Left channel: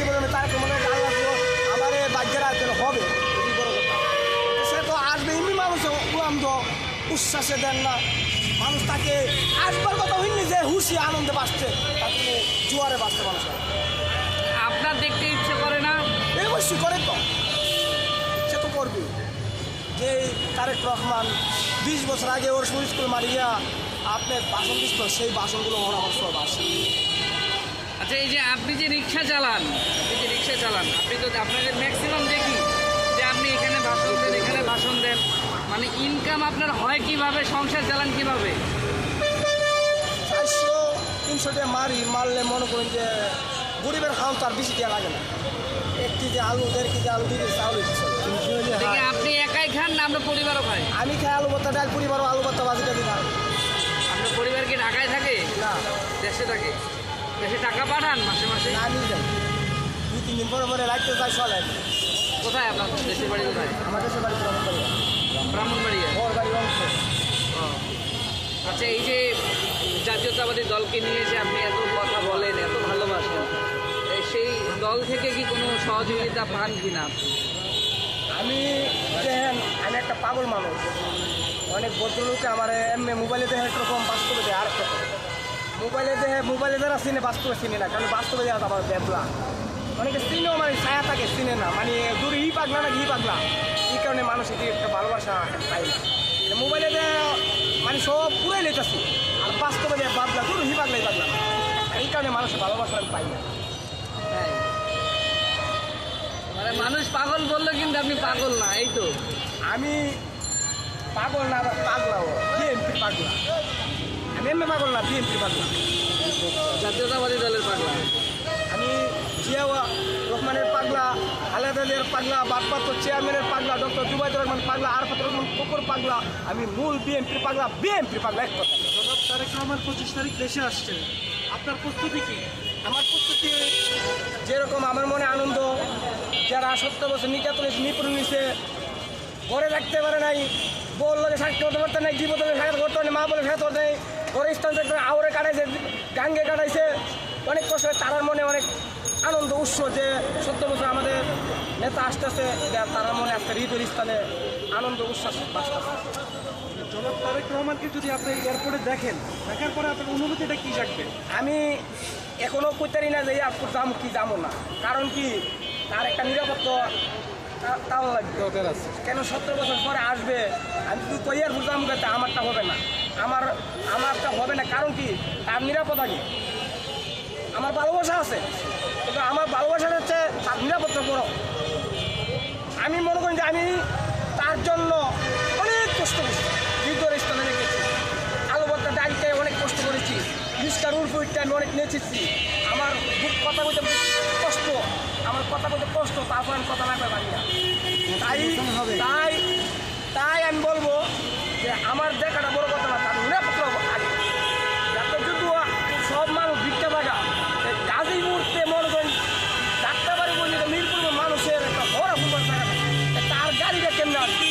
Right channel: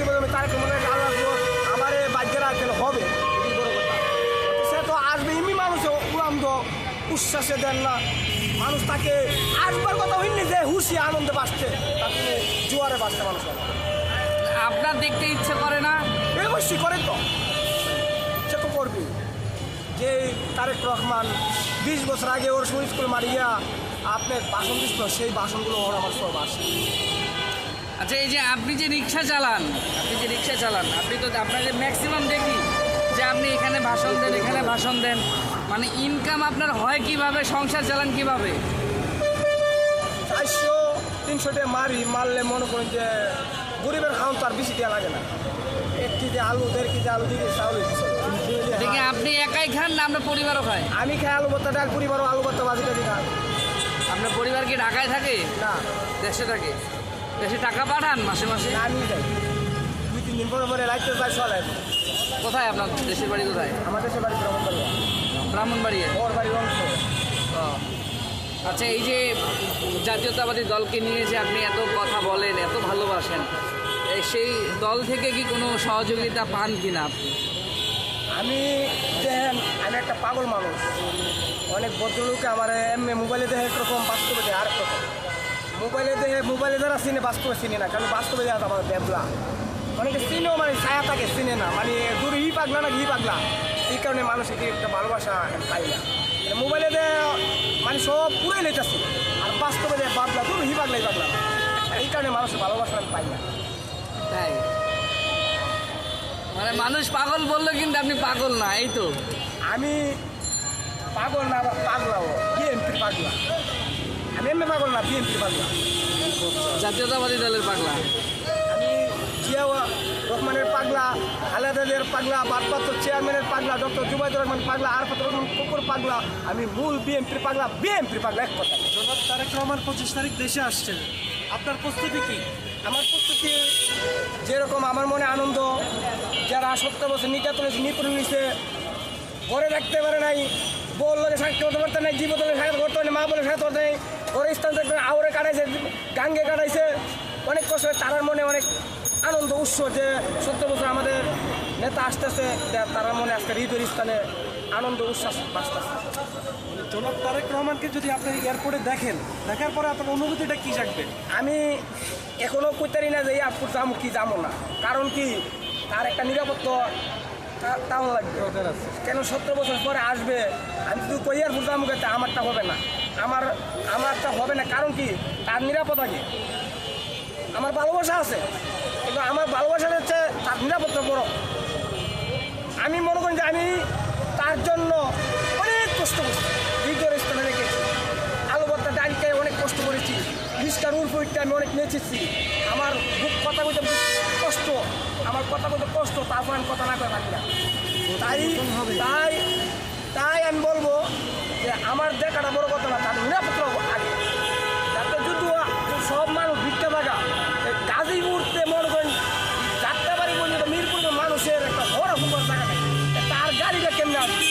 জীবনে তার মনে হয় আল্লাহ তো আমার এই বাগ্যের আর কেন হবে। এটি বড় কথা। সে তো আসবে এমনি মানুষ উড়ান তো উচ্ছ্বাসে দেন না। মানুষ তাকে আসবার কথা হইনি যে হুশি আনন্দে বাসছে। তা তিনি জোয়ারে বাসছে মানুষ আপনার দেখতে ইচ্ছে করে না? এই অবশ্যই করে তো। সে তো করবে যে তারেক রহমান বিশ বছর আগে ওর স্কুল স্কুল মারিয়া আপনার বাসন দিচ্ছিল সেই বাসনগুলো ওর আমার সব আসে। আচ্ছা এই যে আপনি যে রিক্সা চালান আপনি যে রিক্সা চালান আপনি তো আপনাকে ম্যাক্সিমাম দেখি যে আপনি এখানে ভাষণ দেন এখানে ভাষণ দেন মানে ইনকাম আপনার হয় কীভাবে সংসার চালান কীভাবে? চারশো তিনশো টাকা মারি মারলে মনে করেন যে গরিবের খাওয়ান তো আর বেশি টাকা লাগে না। এক কেজি আলু দেড় কেজি আলু দিয়ে চাউল দিচ্ছে আপনি একাই খান না আপনার পরিবারও খায়? আমি খাই আলু ভর্তা ডাল পরিবারও আলু ভর্তা বাজিটা দিই না। আপনার পরিবার কি ঢাকায় থাকে? না। দেশে থাকে? বেশি টাকা পাঠান মাসে মাসে? না আমি যাই। দুই তিন দিন পরে পরে রাখতে চাই চলে কোথায় আপনার দেশের বাড়ি কোথায়? আমার দেশের বাড়ি করি ব্রাহ্মণবাড়িয়া ওর বাড়ির অংশ আচ্ছা এই যে জাতীয়তাবাদী দলকে নিয়ে যে আপনি এত কথা বলেন এত ভালোবাসেন এই সেই দল থেকে কি কোনো সহযোগিতা পান কিনা? আমি দেখেন আমি একটা পাগল মানুষ। অনেক ভদ্রলোকে আমার এমনি মোবাইলে দেখে একরকম বাস্তবে দেখে আরেক রকম। মোবাইলে দেখে মোবাইলে যারা চিনে বাস্তবে চিনে না কারণ বাস্তবে দেখা আমার ব্যাবলা অনেকে চিনেও মানে ছায়া থাকে চিনে না। মানে দূরে ই পাগলা না ঘি পাগলা। এই কারণে মানুষ এটি একটা ভালোবাসা পাই না। মানে মোবাইলে দেখে মানে সব পুরাই লেটাছি আর বাস্তবে দেখে পাগলা দূর হি পাগলাই পাগলা না। এই কারণে মানুষের ভালোবাসা আমি পাই না মানে মানুষ পাগল বলল কিন্তু আপনি পাগল না এই তো। আমি পাগল না পাগলাও। বিএনপির পাগলা? আমি এমনি পাগল না বিএনপির পাগলা। জাতীয়তাবাদী দলের পাগল আমি জিয়াউর রহমানের পাগলা খালেদাদের পাগলা বাদপাত্র চেয়ারম্যানের পাগলা ডক্টর জুবাইদুর রহমান পাগলা আরফাত রহমান কুকুর পাগলা আমি মূল বিএনপির পাগলা বিএনপির পাগলা এক কথা তারেক রহমান পঁচিশ তারিখ দেশে আসছেন। আপনার প্রস্তুতি কি? আমার প্রস্তুতি যেরকম আমার মনে আনন্দ যারা সত্তর বছর নির্যাতন নিপুণ হয়েছে ঘরে রাখতে পারে নাই বল লোকে থাকতে করতে পারতে নাই জীবত থাকতে করতে পারে মা বলে থাকতে পারতে নাই ঘরে স্থান থাকতে আওরে কাটাইছে গাঙ্গে কাটাইছে। অনেক কষ্ট। তারার মনে অনেক আনন্দ উৎস যে সত্য বছর আমাদের নেতা আসতেছে তারার মনে আজকে হৃদয় স্থানে আনন্দ উচ্ছ্বাস বাঁচতেছে। জনাব তারেক রহমানকে যদি আপনি এয়ারপোর্টে দেখেন দেখার পরে আপনার অনুভূতিটা কি জাগবে? আমি এখনও কইতারি না যে এয়ারপোর্ট যাব কি যাব না। কারণ কি? তার একটা নিরাপত্তা তাও লাগবে। কেন সত্তর বছর পরে আসবে? আমি শুধু কই এয়ারপোর্ট যাব আমারটা হবে না। আমার না কারণ কি? তার নিরাপত্তা কি? আমার ভালোবাসা আছে, কিন্তু আমার ভালোবাসা হচ্ছে তার নিরাপত্তা বড় আমি মনে করি যে আমি তার জন্য অনেক কষ্ট করছি। হৃদয়ের স্থানে রেখেছি আলু ভর্তা ডালকে অনেক কষ্ট করেছি। রিস্কার উর্ফুইটটা আমি অনেক নেচেছি। আমার বুক কথা বলতে কষ্ট। আমার কথা বলতে কষ্ট, তারপর আমি কথা না করে পারি না। তাই তাই তাই আমি বলব যে আমার দেখাটা বড় কথা সব মানুষ ভিক্ষা থাকা। গাজী মুহূর্তে মনে করেন, যাত্রাবাড়ি পর্যন্ত মিরপুর মানুষের একটা বড় হুমার জায়গা তার গাড়িটা কেমনে আসবে?